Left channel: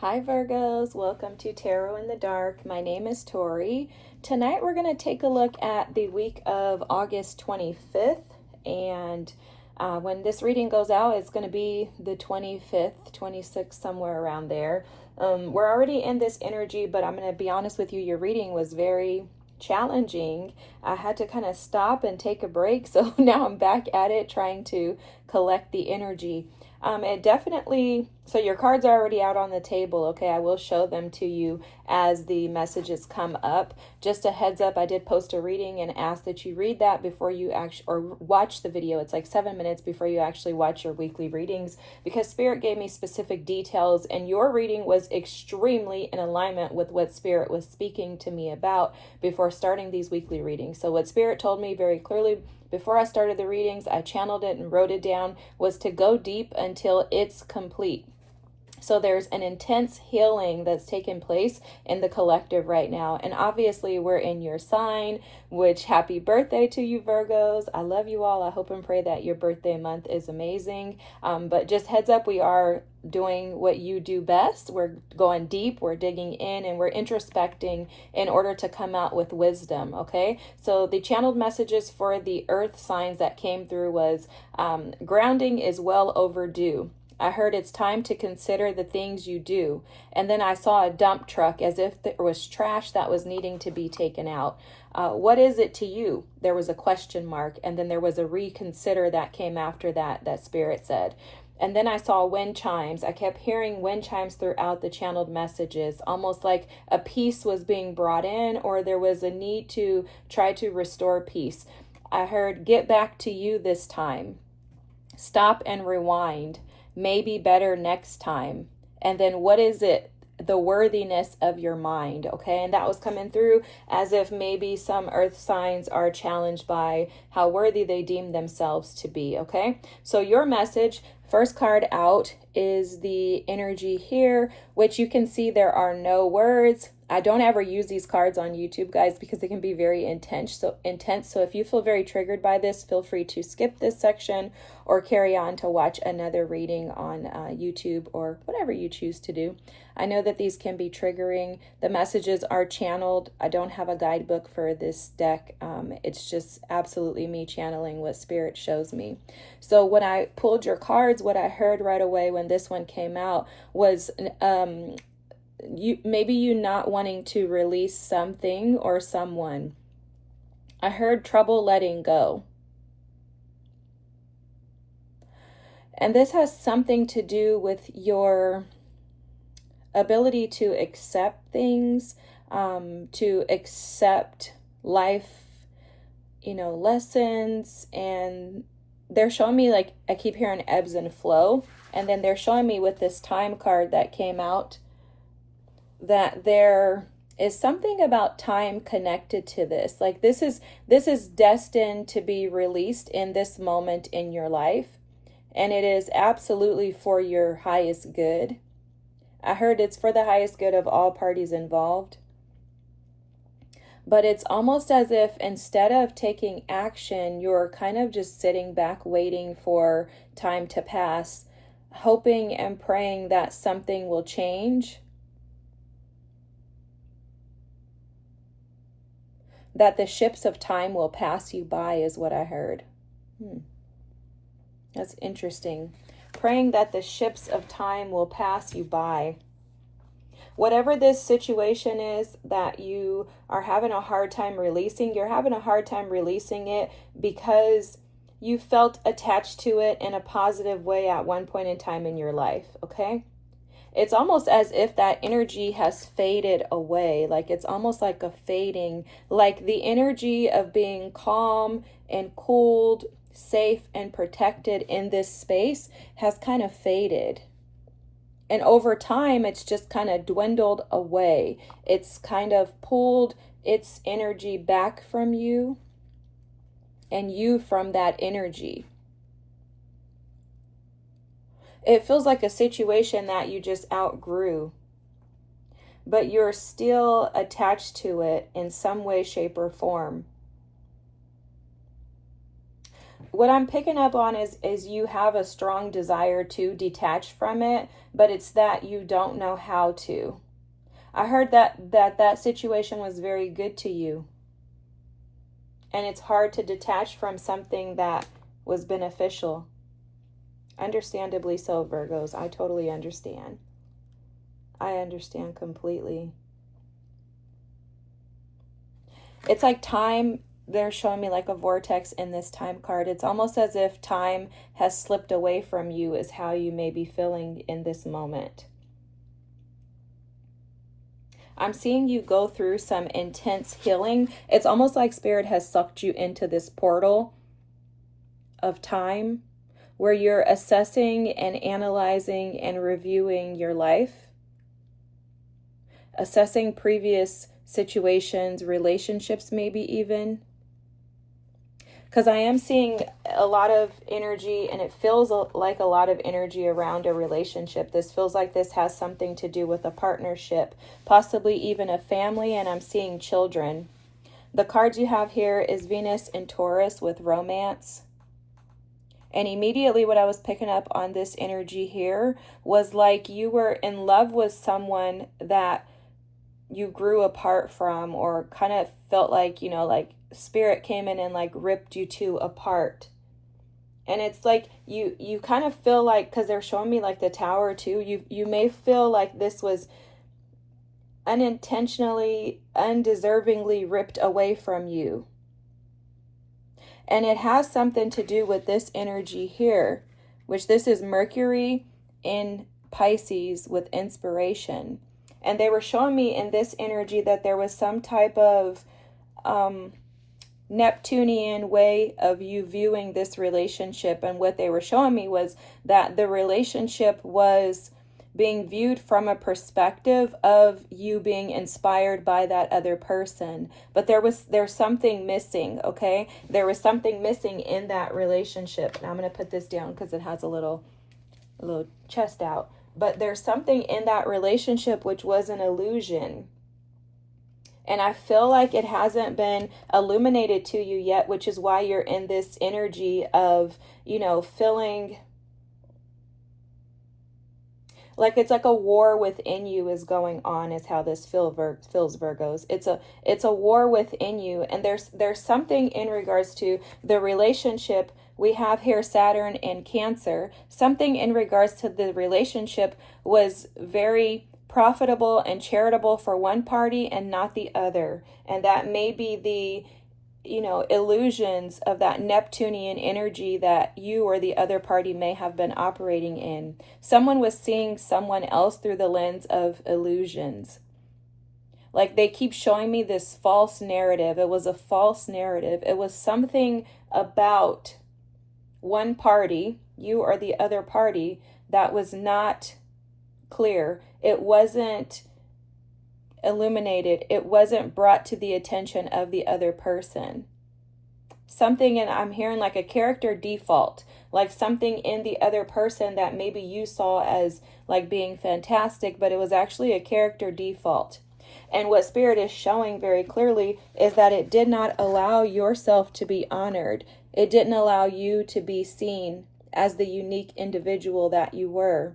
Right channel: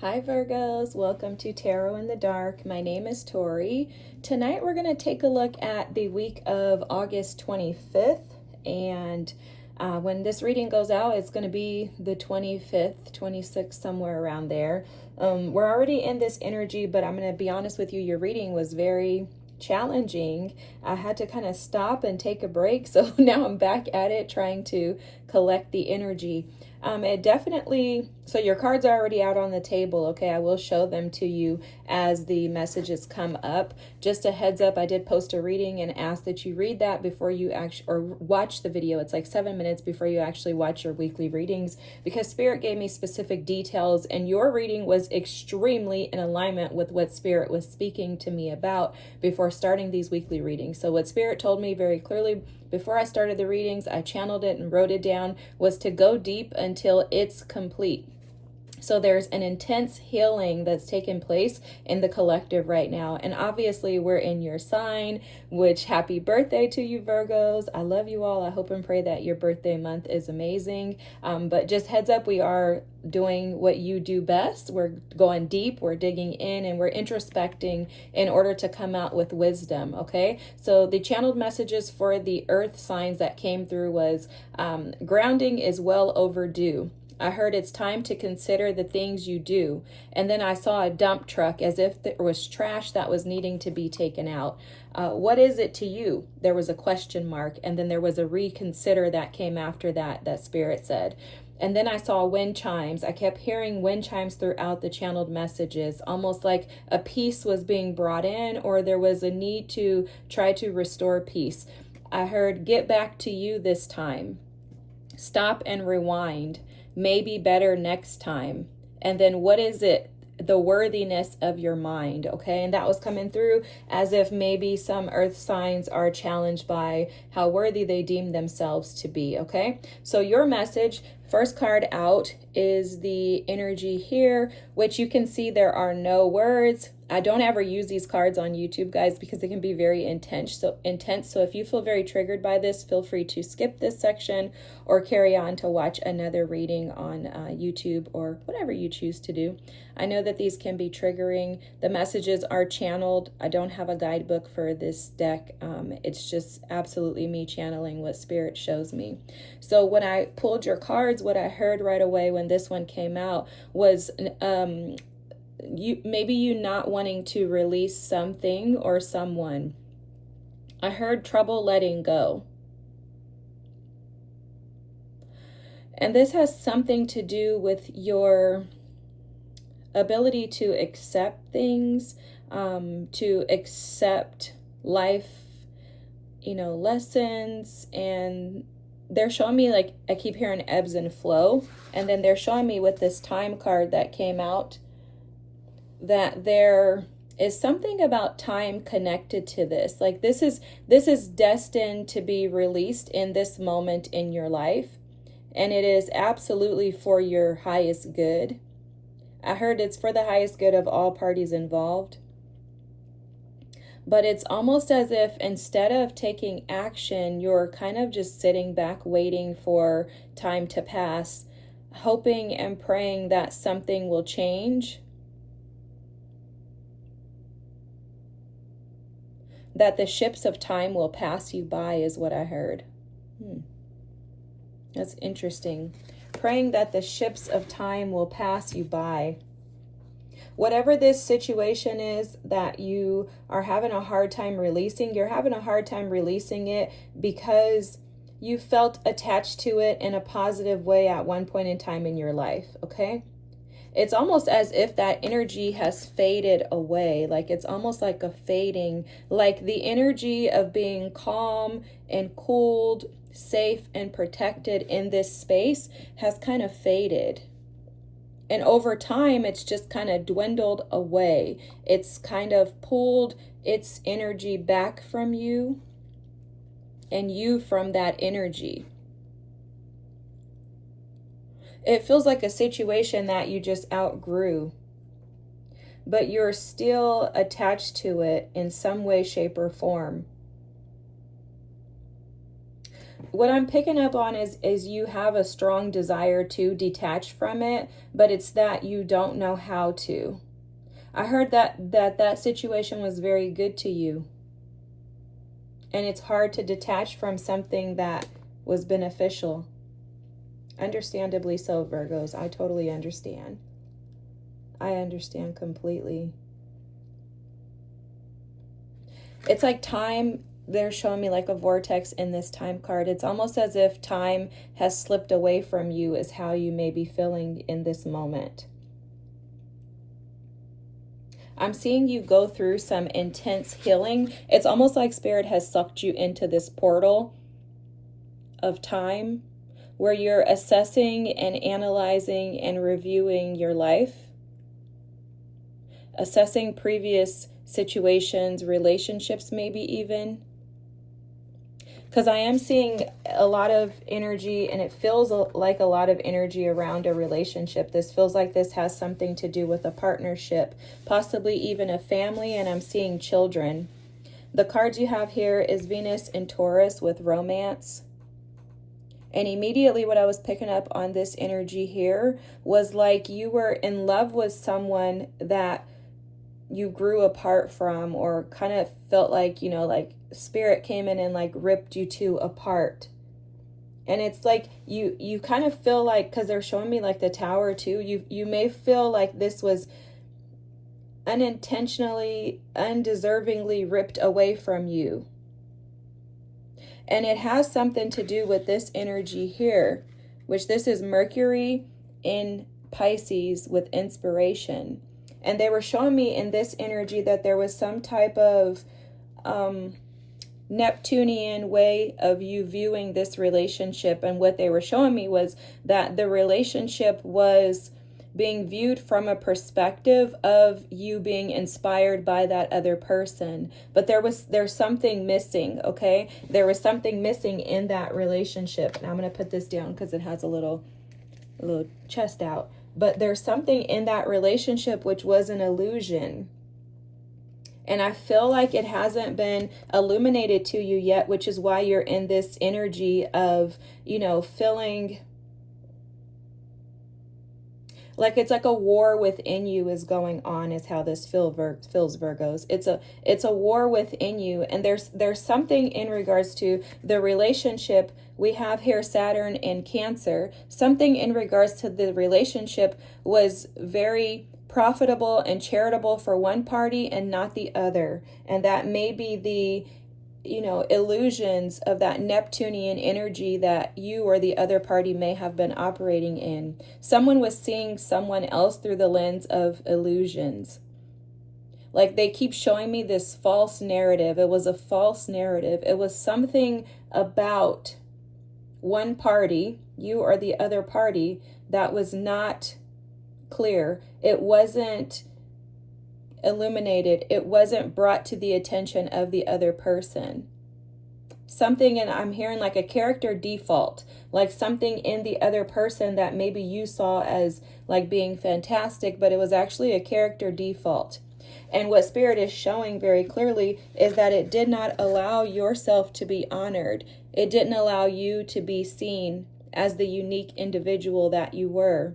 Hi Virgos, welcome to Tarot in the Dark. My name is Tori. Tonight we're going to take a look at the week of August 25th, and when this reading goes out, it's going to be the 25th, 26th, somewhere around there. We're already in this energy, but I'm going to be honest with you, your reading was very challenging. I had to kind of stop and take a break, so now I'm back at it trying to collect the energy. It definitely, so your cards are already out on the table, okay? I will show them to you as the messages come up. Just a heads up, I did post a reading and ask that you read that before you actually, or watch the video. It's like 7 minutes before you actually watch your weekly readings, because Spirit gave me specific details and your reading was extremely in alignment with what Spirit was speaking to me about before starting these weekly readings. So what Spirit told me very clearly before I started the readings, I channeled it and wrote it down, was to go deep until it's complete. So there's an intense healing that's taken place in the collective right now. And obviously we're in your sign, which happy birthday to you Virgos. I love you all. I hope and pray that your birthday month is amazing. But just heads up, we are doing what you do best. We're going deep, we're digging in, and we're introspecting in order to come out with wisdom, okay? So the channeled messages for the earth signs that came through was grounding is well overdue. I heard it's time to consider the things you do. And then I saw a dump truck as if there was trash that was needing to be taken out. What is it to you? There was a question mark. And then there was a reconsider that came after that Spirit said. And then I saw wind chimes. I kept hearing wind chimes throughout the channeled messages, almost like a peace was being brought in, or there was a need to try to restore peace. I heard get back to you this time. Stop and rewind. Maybe better next time. And then what is it? The worthiness of your mind, okay? And that was coming through as if maybe some earth signs are challenged by how worthy they deem themselves to be, okay? So your message, first card out, is the energy here, which you can see there are no words. I don't ever use these cards on YouTube, guys, because they can be very intense. So if you feel very triggered by this, feel free to skip this section or carry on to watch another reading on YouTube or whatever you choose to do. I know that these can be triggering. The messages are channeled. I don't have a guidebook for this deck. It's just absolutely me channeling what Spirit shows me. So when I pulled your cards, what I heard right away when this one came out was you not wanting to release something or someone. I heard trouble letting go. And this has something to do with your ability to accept things, to accept life, lessons. And they're showing me, like, I keep hearing ebbs and flow. And then they're showing me with this time card that came out that there is something about time connected to this. Like this is destined to be released in this moment in your life. And it is absolutely for your highest good. I heard it's for the highest good of all parties involved. But it's almost as if instead of taking action, you're kind of just sitting back waiting for time to pass, hoping and praying that something will change. That the ships of time will pass you by is what I heard. That's interesting. Praying that the ships of time will pass you by. Whatever this situation is that you are having a hard time releasing, you're having a hard time releasing it because you felt attached to it in a positive way at one point in time in your life, okay? It's almost as if that energy has faded away. Like it's almost like a fading, like the energy of being calm and cooled, safe and protected in this space has kind of faded. And over time, it's just kind of dwindled away. It's kind of pulled its energy back from you and you from that energy. It feels like a situation that you just outgrew, but you're still attached to it in some way, shape, or form. what I'm picking up on is you have a strong desire to detach from it, but it's that you don't know how to. I heard that situation was very good to you. And it's hard to detach from something that was beneficial. Understandably so, Virgos. I totally understand. I understand completely. It's like time, they're showing me like a vortex in this time card. It's almost as if time has slipped away from you, is how you may be feeling in this moment. I'm seeing you go through some intense healing. It's almost like Spirit has sucked you into this portal of time where you're assessing and analyzing and reviewing your life, assessing previous situations, relationships, maybe even. Because I am seeing a lot of energy, and it feels like a lot of energy around a relationship. This feels like this has something to do with a partnership, possibly even a family, and I'm seeing children. The cards you have here is Venus and Taurus with romance. And immediately what I was picking up on this energy here was like you were in love with someone that you grew apart from, or kind of felt like, like Spirit came in and like ripped you two apart. And it's like you kind of feel like, because they're showing me like the Tower too, you may feel like this was unintentionally, undeservingly ripped away from you. And it has something to do with this energy here, which this is Mercury in Pisces with inspiration. And they were showing me in this energy that there was some type of Neptunian way of you viewing this relationship. And what they were showing me was that the relationship was being viewed from a perspective of you being inspired by that other person. But there's something missing, okay? There was something missing in that relationship. And I'm going to put this down because it has a little chest out. But there's something in that relationship which was an illusion. And I feel like it hasn't been illuminated to you yet, which is why you're in this energy of, feeling like it's like a war within you is going on, is how this feels, Virgos. It's a war within you, and there's something in regards to the relationship. We have here Saturn in Cancer. Something in regards to the relationship was very profitable and charitable for one party and not the other. And that may be the illusions of that Neptunian energy that you or the other party may have been operating in. Someone was seeing someone else through the lens of illusions. Like they keep showing me this false narrative. It was a false narrative. It was something about one party, you or the other party, that was not clear. It wasn't illuminated. It wasn't brought to the attention of the other person. Something, and I'm hearing like a character default, like something in the other person that maybe you saw as like being fantastic, but it was actually a character default. And what Spirit is showing very clearly is that it did not allow yourself to be honored. It didn't allow you to be seen as the unique individual that you were.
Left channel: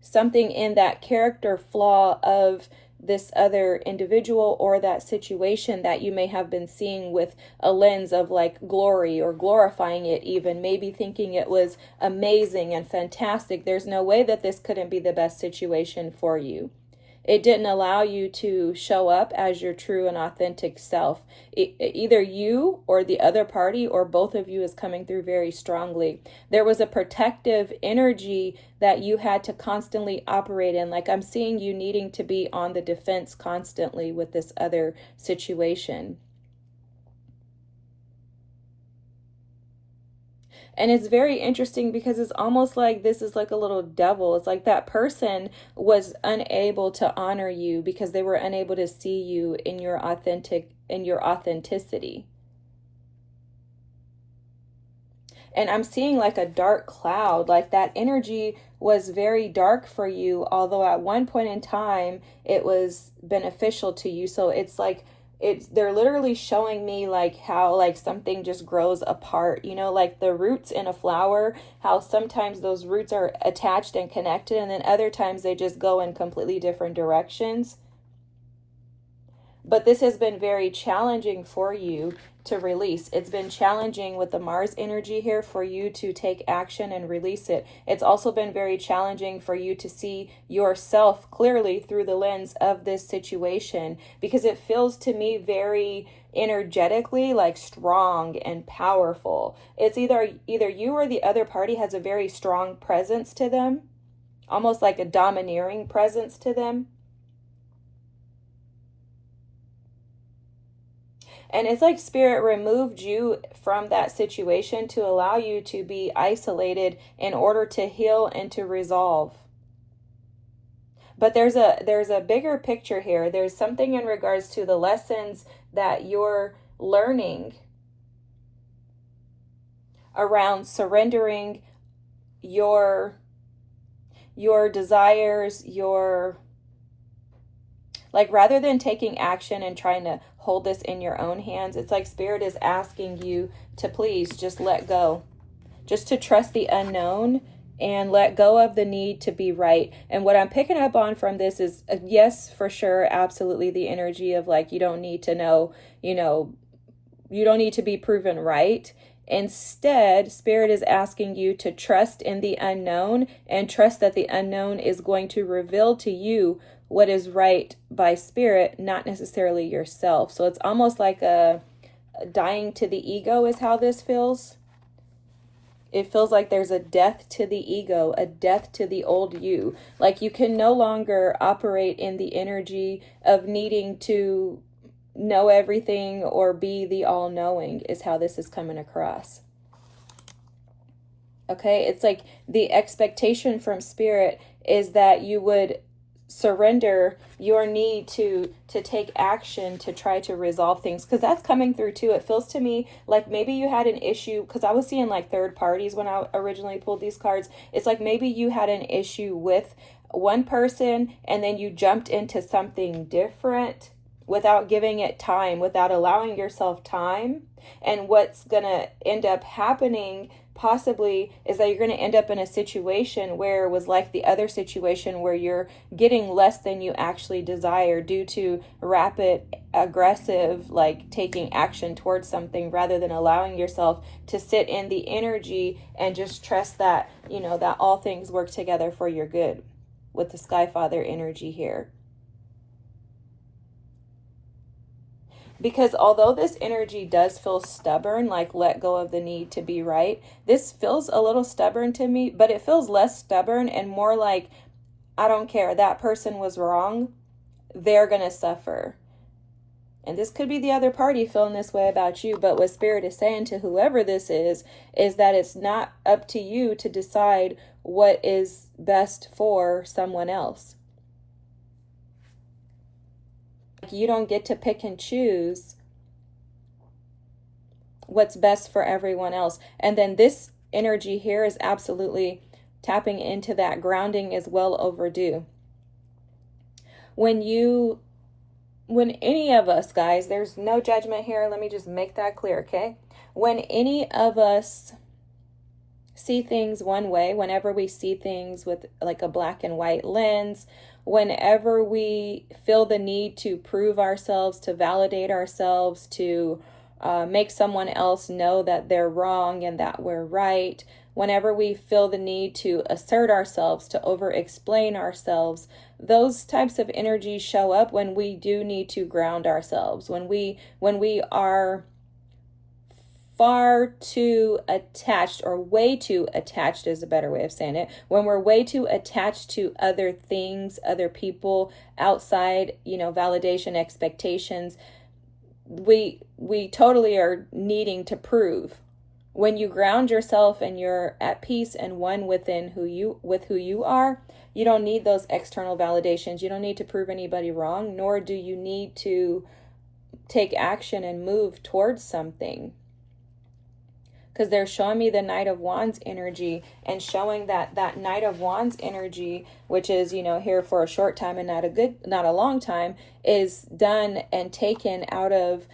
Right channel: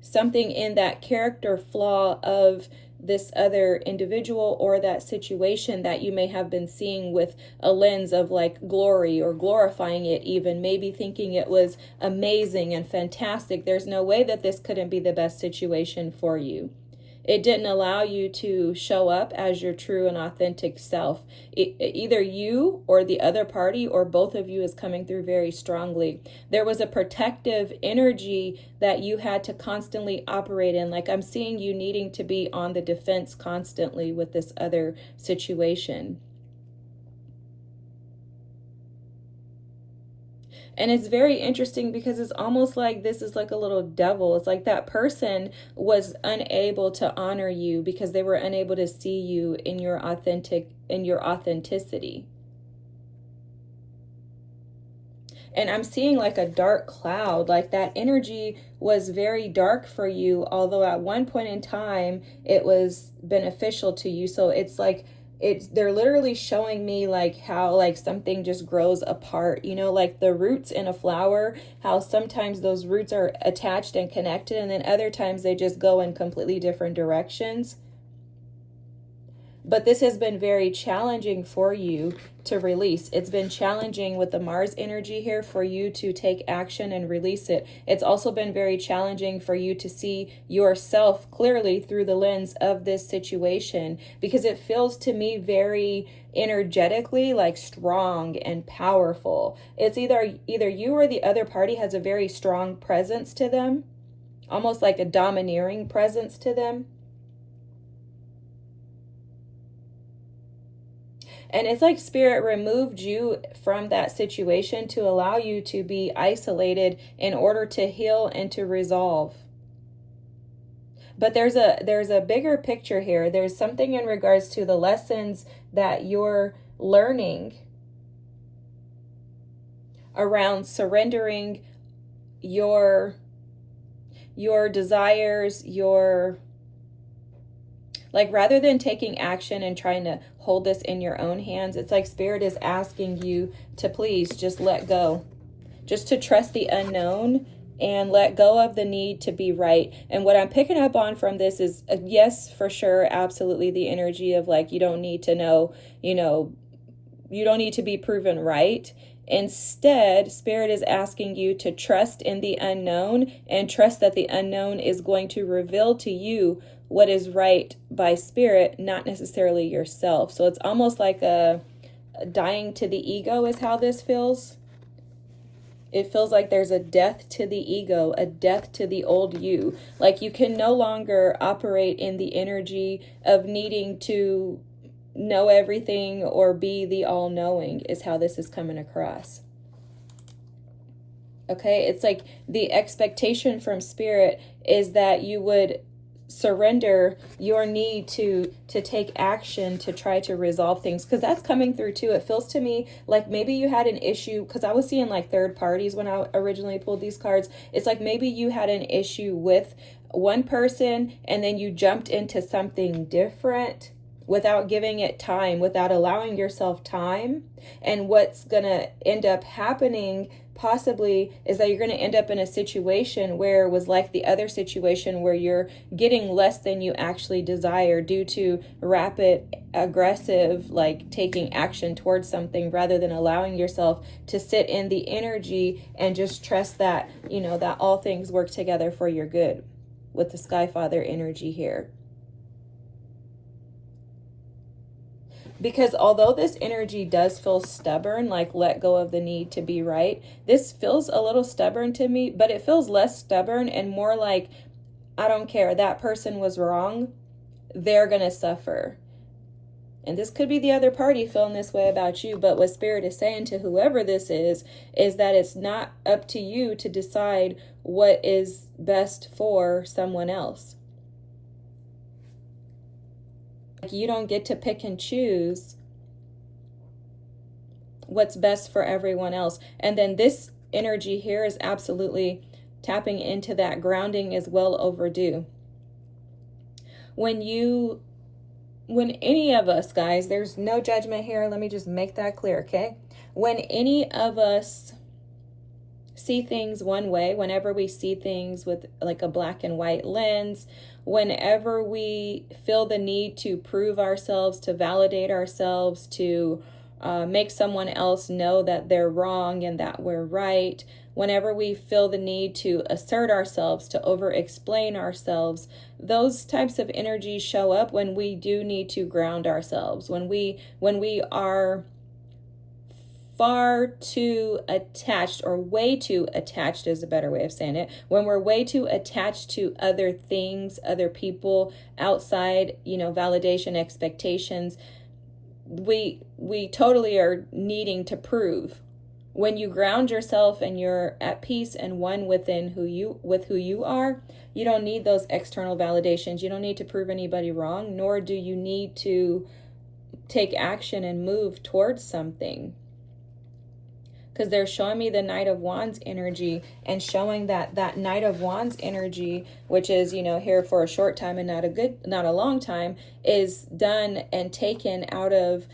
Something in that character flaw of this other individual or that situation that you may have been seeing with a lens of like glory or glorifying it, even maybe thinking it was amazing and fantastic. There's no way that this couldn't be the best situation for you. It didn't allow you to show up as your true and authentic self. Either you or the other party or both of you is coming through very strongly. There was a protective energy that you had to constantly operate in. Like I'm seeing you needing to be on the defense constantly with this other situation. And it's very interesting because it's almost like this is like a little devil. It's like that person was unable to honor you because they were unable to see you in your authenticity. And I'm seeing like a dark cloud, like that energy was very dark for you, although at one point in time it was beneficial to you. So it's like they're literally showing me like how like something just grows apart, you know, like the roots in a flower, how sometimes those roots are attached and connected, and then other times they just go in completely different directions. But this has been very challenging for you to release. It's been challenging with the Mars energy here for you to take action and release it. It's also been very challenging for you to see yourself clearly through the lens of this situation, because it feels to me very energetically like strong and powerful. It's either you or the other party has a very strong presence to them, almost like a domineering presence to them. And it's like Spirit removed you from that situation to allow you to be isolated in order to heal and to resolve. But there's a bigger picture here. There's something in regards to the lessons that you're learning around surrendering your desires, like rather than taking action and trying to hold this in your own hands, it's like Spirit is asking you to please just let go, just to trust the unknown and let go of the need to be right. And what I'm picking up on from this is, yes, for sure, absolutely, the energy of like, you don't need to know, you don't need to be proven right. Instead, Spirit is asking you to trust in the unknown and trust that the unknown is going to reveal to you what is right by Spirit, not necessarily yourself. So it's almost like a dying to the ego is how this feels. It feels like there's a death to the ego, a death to the old you. Like you can no longer operate in the energy of needing to know everything or be the all-knowing, is how this is coming across. Okay, it's like the expectation from Spirit is that you would surrender your need to take action to try to resolve things, because that's coming through too. It feels to me like maybe you had an issue, because I was seeing like third parties when I originally pulled these cards. It's like maybe you had an issue with one person and then you jumped into something different without giving it time, without allowing yourself time. And what's gonna end up happening possibly is that you're going to end up in a situation where it was like the other situation where you're getting less than you actually desire due to rapid, aggressive, like taking action towards something rather than allowing yourself to sit in the energy and just trust that, that all things work together for your good with the Sky Father energy here. Because although this energy does feel stubborn, like let go of the need to be right, this feels a little stubborn to me, but it feels less stubborn and more like, I don't care, that person was wrong, they're going to suffer. And this could be the other party feeling this way about you, but what Spirit is saying to whoever this is that it's not up to you to decide what is best for someone else. You don't get to pick and choose what's best for everyone else. And then this energy here is absolutely tapping into that. Grounding is well overdue. When any of us, guys, there's no judgment here. Let me just make that clear, okay? When any of us see things one way, whenever we see things with like a black and white lens, whenever we feel the need to prove ourselves, to validate ourselves, to make someone else know that they're wrong and that we're right, whenever we feel the need to assert ourselves, to over-explain ourselves, those types of energies show up when we do need to ground ourselves, when we are far too attached, or way too attached is a better way of saying it, when we're way too attached to other things, other people, outside, validation, expectations, we totally are needing to prove. When you ground yourself and you're at peace and one within who you are, you don't need those external validations. You don't need to prove anybody wrong, nor do you need to take action and move towards something. because they're showing me the Knight of Wands energy and showing that that Knight of Wands energy, which is, you know, here for a short time and not a long time, is done and taken out of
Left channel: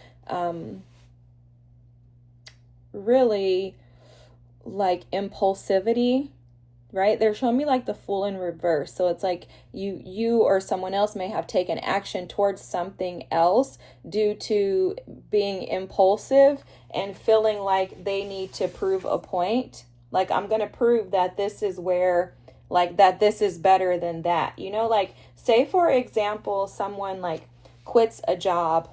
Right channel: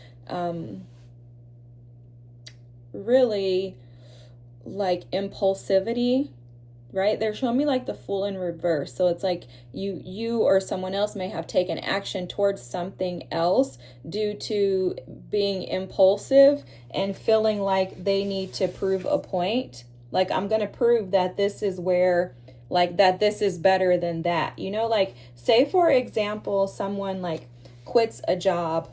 really like impulsivity, right? They're showing me like the Fool in reverse. So it's like you or someone else may have taken action towards something else due to being impulsive and feeling like they need to prove a point. Like, I'm going to prove that this is where, like, that this is better than that. You know, like, say for example, someone like quits a job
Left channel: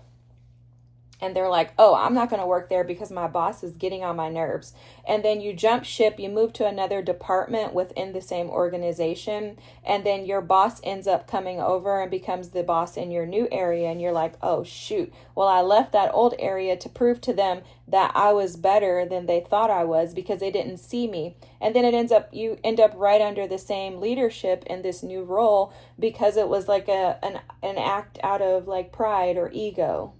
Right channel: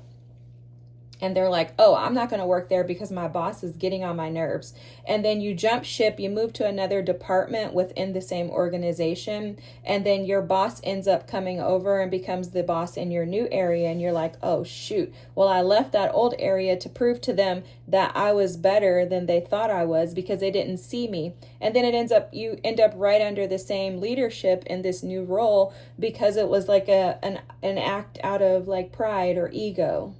and they're like, oh, I'm not going to work there because my boss is getting on my nerves. And then you jump ship, you move to another department within the same organization, and then your boss ends up coming over and becomes the boss in your new area. And you're like, oh, shoot. Well, I left that old area to prove to them that I was better than they thought I was because they didn't see me. And then you end up right under the same leadership in this new role because it was like an act out of like pride or ego.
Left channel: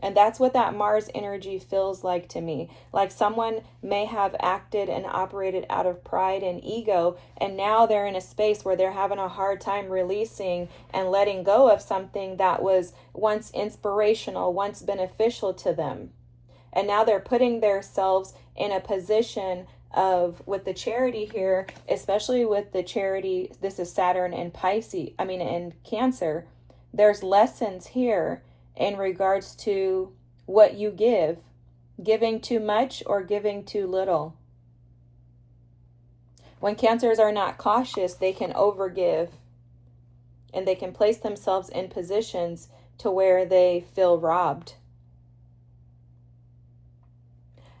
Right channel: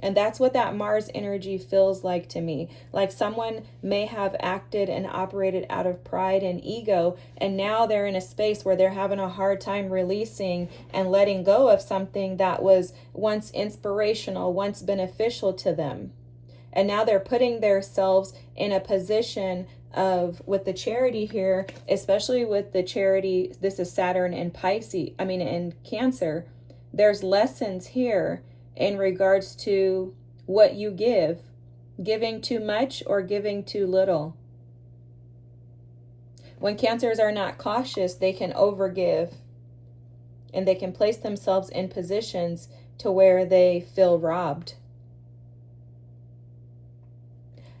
And that's what that Mars energy feels like to me. Like someone may have acted and operated out of pride and ego, and now they're in a space where they're having a hard time releasing and letting go of something that was once inspirational, once beneficial to them. And now they're putting themselves in a position of, with the Charity here, especially with the Charity, this is Saturn in in Cancer, there's lessons here in regards to what you give, giving too much or giving too little. When Cancers are not cautious, they can overgive and they can place themselves in positions to where they feel robbed.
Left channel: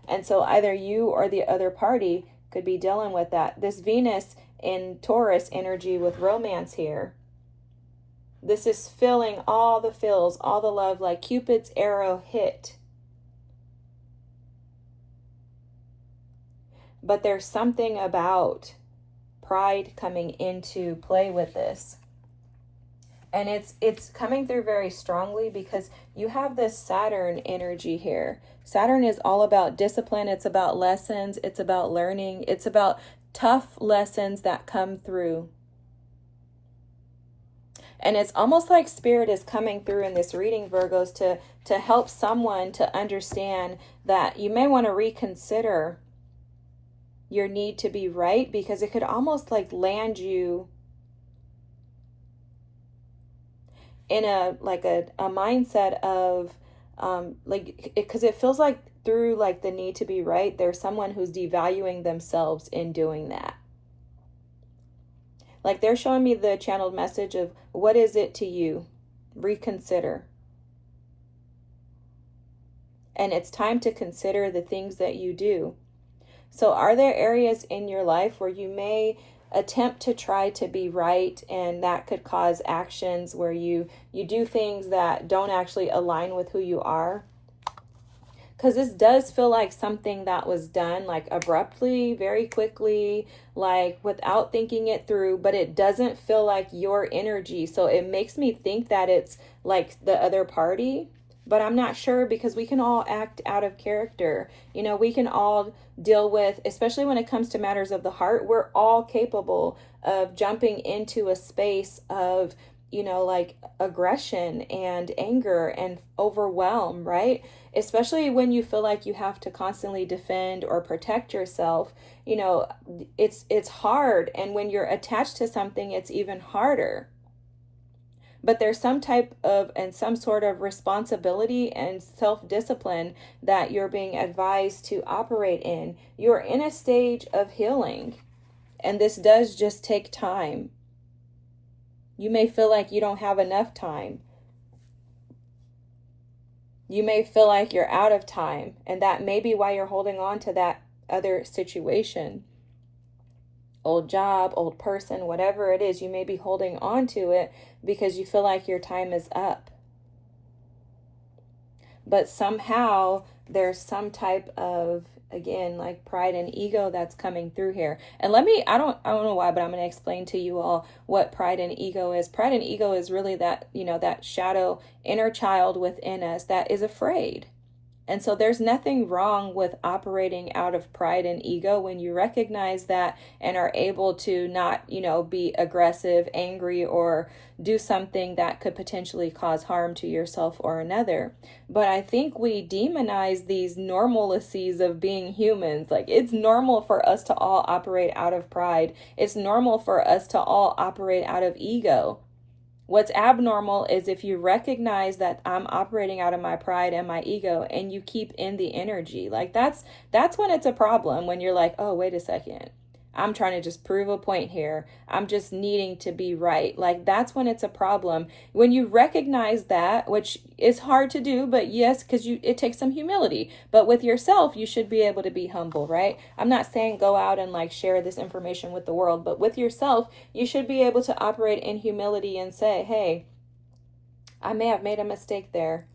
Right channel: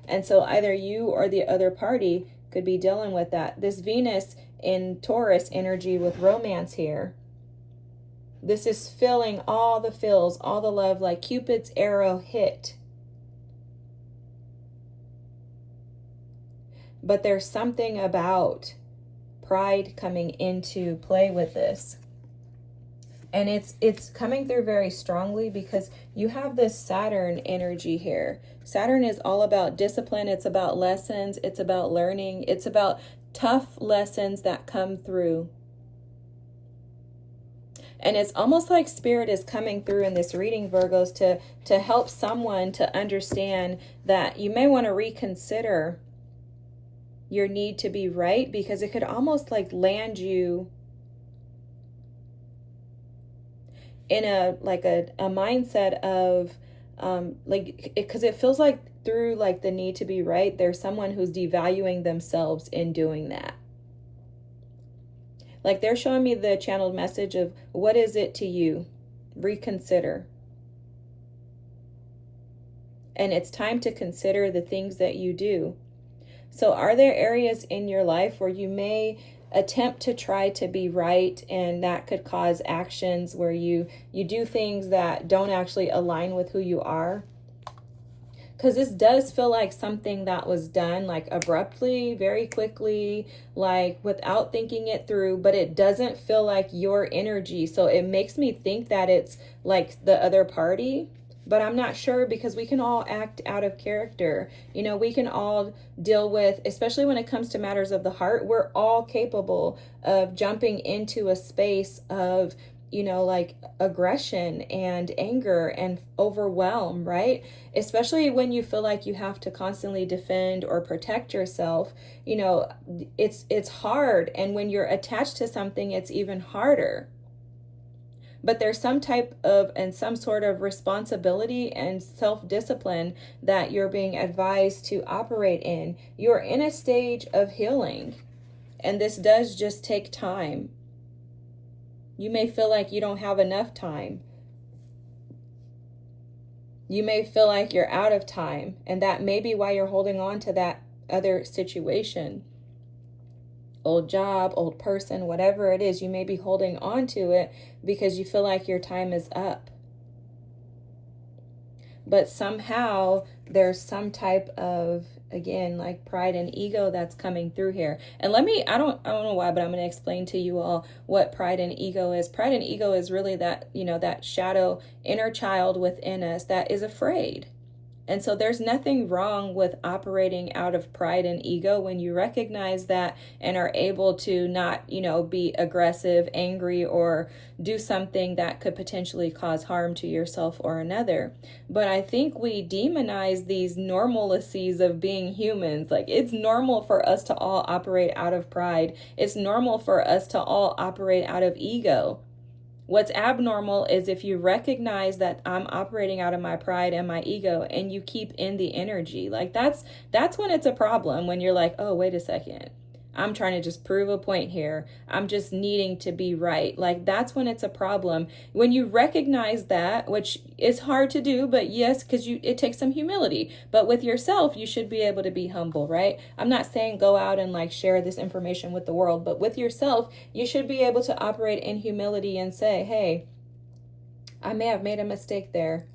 And so either you or the other party could be dealing with that. This Venus in Taurus energy with romance here. This is filling all the feels, all the love, like Cupid's arrow hit. But there's something about pride coming into play with this. And it's coming through very strongly because you have this Saturn energy here. Saturn is all about discipline. It's about lessons. It's about learning. It's about tough lessons that come through. And it's almost like Spirit is coming through in this reading, Virgos, to help someone to understand that you may want to reconsider your need to be right, because it could almost like land you in a mindset of because it feels like through like the need to be right, there's someone who's devaluing themselves in doing that. Like they're showing me the channeled message of, what is it to you? Reconsider. And it's time to consider the things that you do. So are there areas in your life where you may attempt to try to be right, and that could cause actions where you do things that don't actually align with who you are? Because this does feel like something that was done like abruptly, very quickly, like without thinking it through, but it doesn't feel like your energy. So it makes me think that it's like the other party, but I'm not sure, because we can all act out of character. You know, we can all deal with, especially when it comes to matters of the heart, we're all capable of jumping into a space of, you know, like aggression and anger and overwhelm, right? Especially when you feel like you have to constantly defend or protect yourself. You know, it's hard. And when you're attached to something, it's even harder. But there's some type of and some sort of responsibility and self-discipline that you're being advised to operate in. You're in a stage of healing, and this does just take time. You may feel like you don't have enough time. You may feel like you're out of time, and that may be why you're holding on to that other situation. Old job, old person, whatever it is, you may be holding on to it because you feel like your time is up. But somehow there's some type of, again, like pride and ego that's coming through here. And I don't know why, but I'm going to explain to you all what pride and ego is. Pride and ego is really that, you know, that shadow inner child within us that is afraid. And so there's nothing wrong with operating out of pride and ego when you recognize that and are able to not, be aggressive, angry, or do something that could potentially cause harm to yourself or another. But I think we demonize these normalities of being humans. Like, it's normal for us to all operate out of pride. It's normal for us to all operate out of ego. What's abnormal is if you recognize that I'm operating out of my pride and my ego and you keep in the energy. Like, that's when it's a problem, when you're like, oh, wait a second. I'm trying to just prove a point here. I'm just needing to be right. Like, that's when it's a problem. When you recognize that, which is hard to do, but yes, because it takes some humility. But with yourself, you should be able to be humble, right? I'm not saying go out and like share this information with the world, but with yourself, you should be able to operate in humility and say, hey, I may have made a mistake there.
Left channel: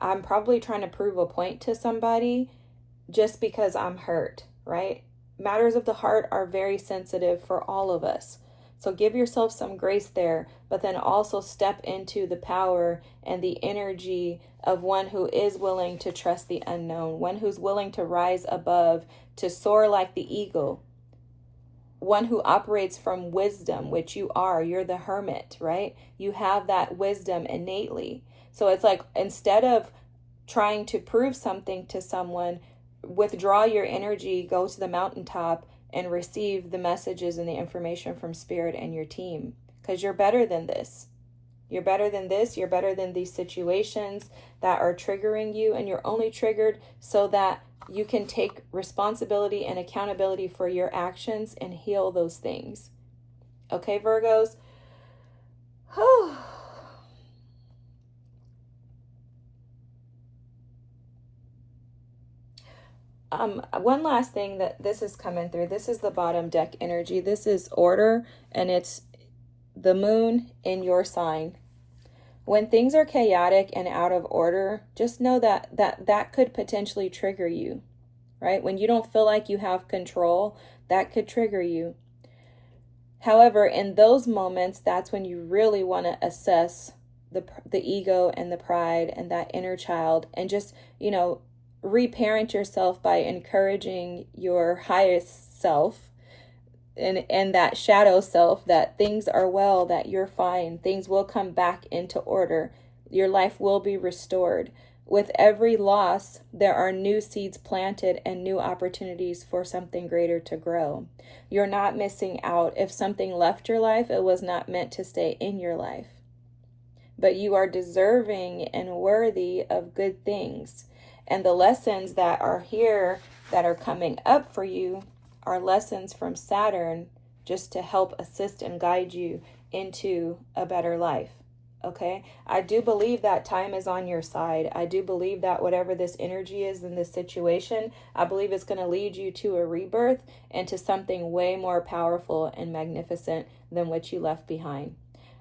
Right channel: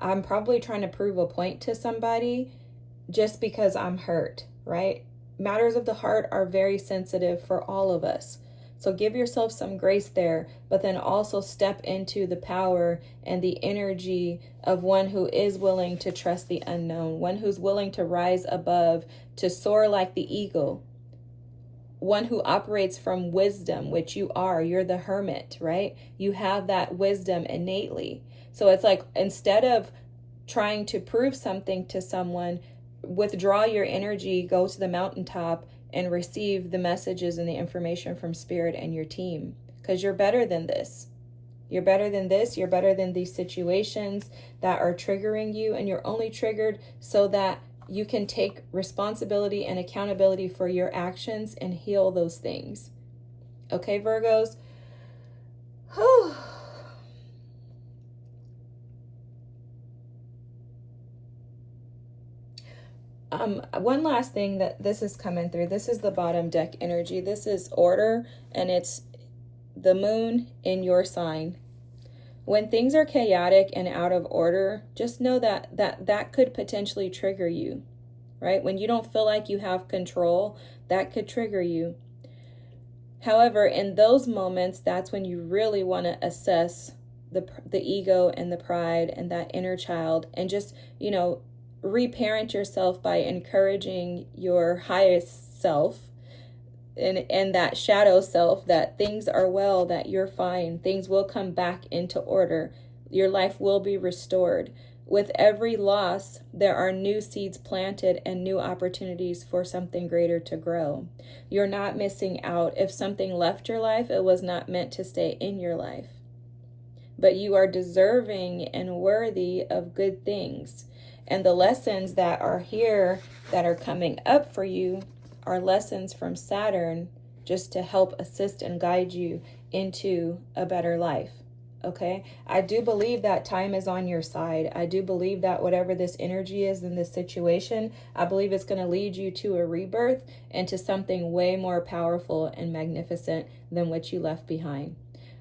I'm probably trying to prove a point to somebody just because I'm hurt, right? Matters of the heart are very sensitive for all of us. So give yourself some grace there, but then also step into the power and the energy of one who is willing to trust the unknown, one who's willing to rise above, to soar like the eagle, one who operates from wisdom, which you are. You're the hermit, right? You have that wisdom innately. So it's like, instead of trying to prove something to someone, withdraw your energy, go to the mountaintop, and receive the messages and the information from Spirit and your team. Because you're better than this. You're better than this. You're better than these situations that are triggering you. And you're only triggered so that you can take responsibility and accountability for your actions and heal those things. Okay, Virgos? Whew. One last thing that this is coming through. This is the bottom deck energy. This is order, and it's the moon in your sign. When things are chaotic and out of order, just know that could potentially trigger you, right? When you don't feel like you have control, that could trigger you. However, in those moments, that's when you really want to assess the ego and the pride and that inner child, and just, reparent yourself by encouraging your highest self and that shadow self that things are well, that you're fine, things will come back into order, your life will be restored. With every loss, there are new seeds planted and new opportunities for something greater to grow. You're not missing out. If something left your life, it was not meant to stay in your life. But you are deserving and worthy of good things. And the lessons that are here that are coming up for you are lessons from Saturn, just to help assist and guide you into a better life. Okay? I do believe that time is on your side. I do believe that whatever this energy is in this situation, I believe it's going to lead you to a rebirth and to something way more powerful and magnificent than what you left behind.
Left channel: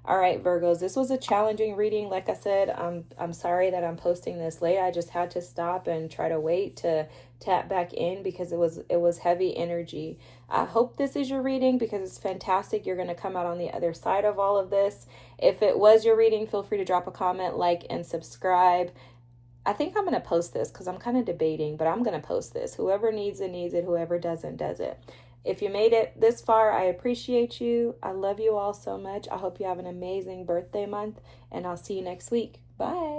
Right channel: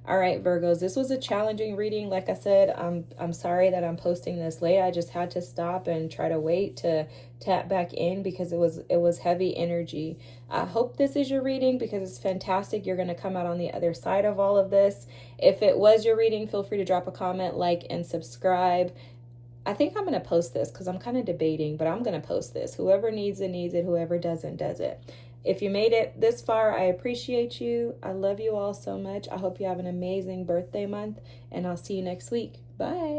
All right, Virgos, this was a challenging reading. Like I said, I'm sorry that I'm posting this late. I just had to stop and try to wait to tap back in because it was heavy energy. I hope this is your reading because it's fantastic. You're going to come out on the other side of all of this. If it was your reading, feel free to drop a comment, like, and subscribe. I think I'm going to post this because I'm kind of debating, but I'm going to post this. Whoever needs it, needs it. Whoever doesn't, does it. If you made it this far, I appreciate you. I love you all so much. I hope you have an amazing birthday month, and I'll see you next week. Bye.